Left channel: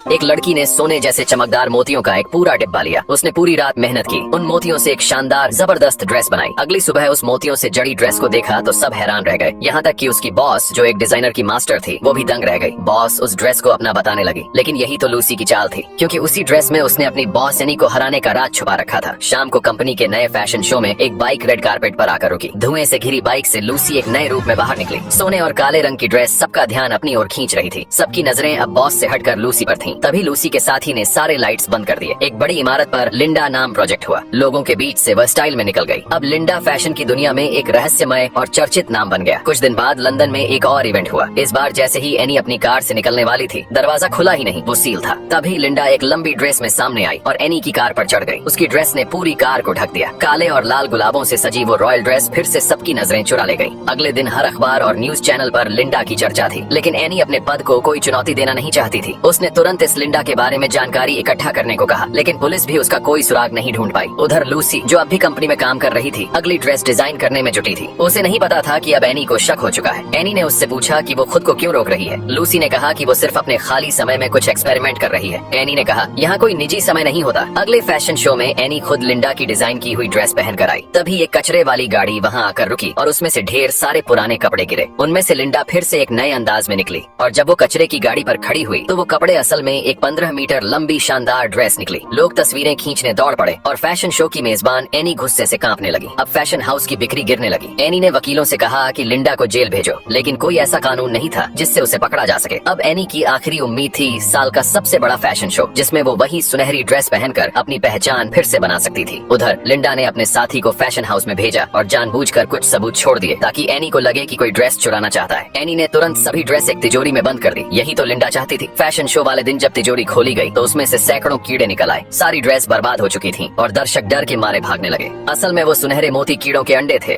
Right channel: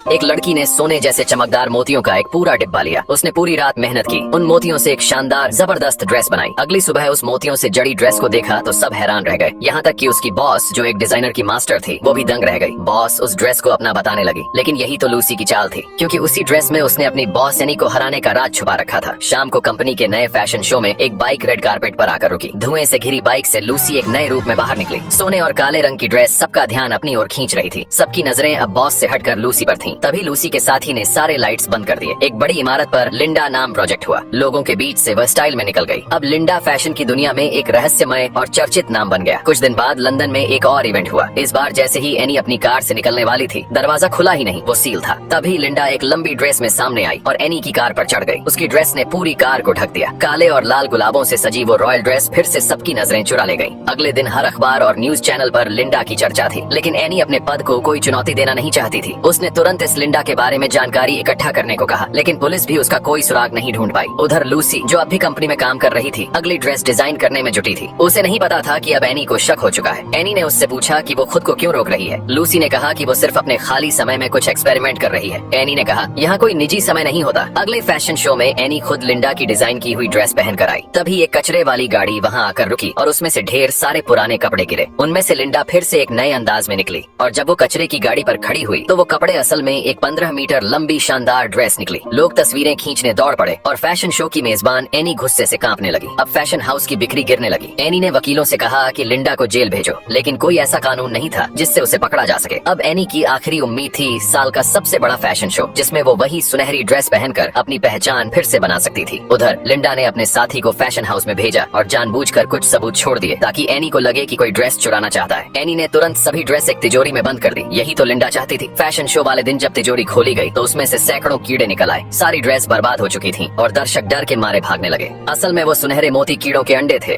एक लड़की ने सोने जैसे चमकदार मोतियों का एक पूरा डिब्बा लिया। उसने पूरी रात मेहनत की, उन मोतियों से एक शानदार जबरदस्त ड्रेस बनाई। अगली सुबह उस मोतियों से जड़ी ड्रेस को देखा तो सब हैरान रह गए, यहाँ तक कि उसकी बॉस जो एक डिजाइनर की मास्टर थी वो भी दंग रह गई। बॉस उस ड्रेस को अपना बताने लगी, लेकिन यही तो लूसी की चाल थी, क्योंकि उसी ड्रेस में उसने अपनी बॉस एनी को हराने का राज छुपा रखा था। शाम को कंपनी के नए फैशन शो में एक बाइक रेड कारपेट पर आकर रुकी। धुएं से घिरी बाइक से लूसी एक नए रूप में बाहर निकली। सोने और काले रंग की ड्रेस सबका ध्यान अपनी ओर खींच रही थी। सबकी नजरें अब बॉस से हटकर लूसी पर थीं। तभी लूसी के साथी ने सारे लाइट्स बंद कर दिए। एक बड़ी इमारत पर लिंडा नाम प्रोजेक्ट हुआ। लोगों के बीच से वह स्टाइल में निकल गई। अब लिंडा फैशन की दुनिया में एक रहस्यमय और चर्चित नाम बन गया। कुछ दिन बाद लंदन में एक और इवेंट हुआ। इस बार जैसे ही एनी अपनी कार से निकलने वाली थी, दरवाजा खुला ही नहीं, वो सील था। तभी लिंडा एक लंबी ड्रेस में सामने आई और एनी की कार पर चढ़ गई। उसकी ड्रेस ने पूरी कार को ढक दिया। काले और लाल गुलाबों से सजी वो रॉयल ड्रेस फिर से सबकी नजरें चुरा ले गई। अगले दिन हर अखबार और न्यूज चैनल पर लिंडा की चर्चा थी, लेकिन एनी अपने पद को कोई चुनौती देना नहीं चाहती थी। उसने तुरंत इस लिंडा के बारे में जानकारी इकट्ठा करने को कहा, लेकिन पुलिस भी उसका कोई सुराग नहीं ढूंढ पाई। उधर लूसी जो अब भी कंपनी में काम कर रही थी, अगली ड्रेस डिजाइन करने में जुटी थी। उसे नहीं पता था कि अब एनी को शक हो चुका है। एनी ने उससे पूछा कि वो खुद को क्यों रोक रही है। लूसी ने कहा कि वो सिर्फ अपने खाली समय में कुछ एक्सपेरिमेंट कर रही है। एनी ने कहा, यहाँ कोई निजी समय नहीं होता। अगले फैशन शो में एनी खुद लिंडा की डिजाइन की हुई ड्रेस पहन कर आई। तभी एक कचरे वाली गाड़ी वहाँ आकर रुकी और उसमें से ढेर सारे पुराने कपड़े गिरे। उनमें से लिंडा फिर से एक नए अंदाज में निकली और जब वो कचरे की गाड़ी पर खड़ी हुई तो वो कपड़े असल में एक 15 मीटर लंबी शानदार ड्रेस निकली। लोग तस्वीरें खींचने दौड़ पड़े और फैशन शो की मेजबान एनी गुस्से से कांपने लगी। अब फैशन हाउस की बिक्री गिरने लगी। एनी ने वकीलों से कहा कि लिंडा को जेल भेजो, लेकिन कोई ऐसा कानून नहीं था जिससे उसे पकड़ा जा सके। अब एनी की आखिरी उम्मीद थी साल का सबसे बड़ा फैशन शो, जिसमें वो वही सुनहरी ड्रेस पहनकर अपनी पहचान फिर से बना सकती थी। उधर लिंडा ने अपने साथी को फैशन हाउस में भेजा और जानबूझकर कुछ सबूत छोड़ दिए ताकि एनी को लगे कि कोई ड्रेस चुराना चाहता है। एनी ने तुरंत सभी ड्रेस एक तिजोरी में बंद कर दी। यही तो लिंडा चाहती थी। फैशन शो वाले दिन जब तिजोरी खोली गई तो उसमें से सैकड़ों कीड़े निकल आए। सारी ड्रेस बर्बाद हो चुकी थी और दर्शक डर के मारे भागने लगे। असल में वो सुनहरे मोती कीड़ों के अंडे थे।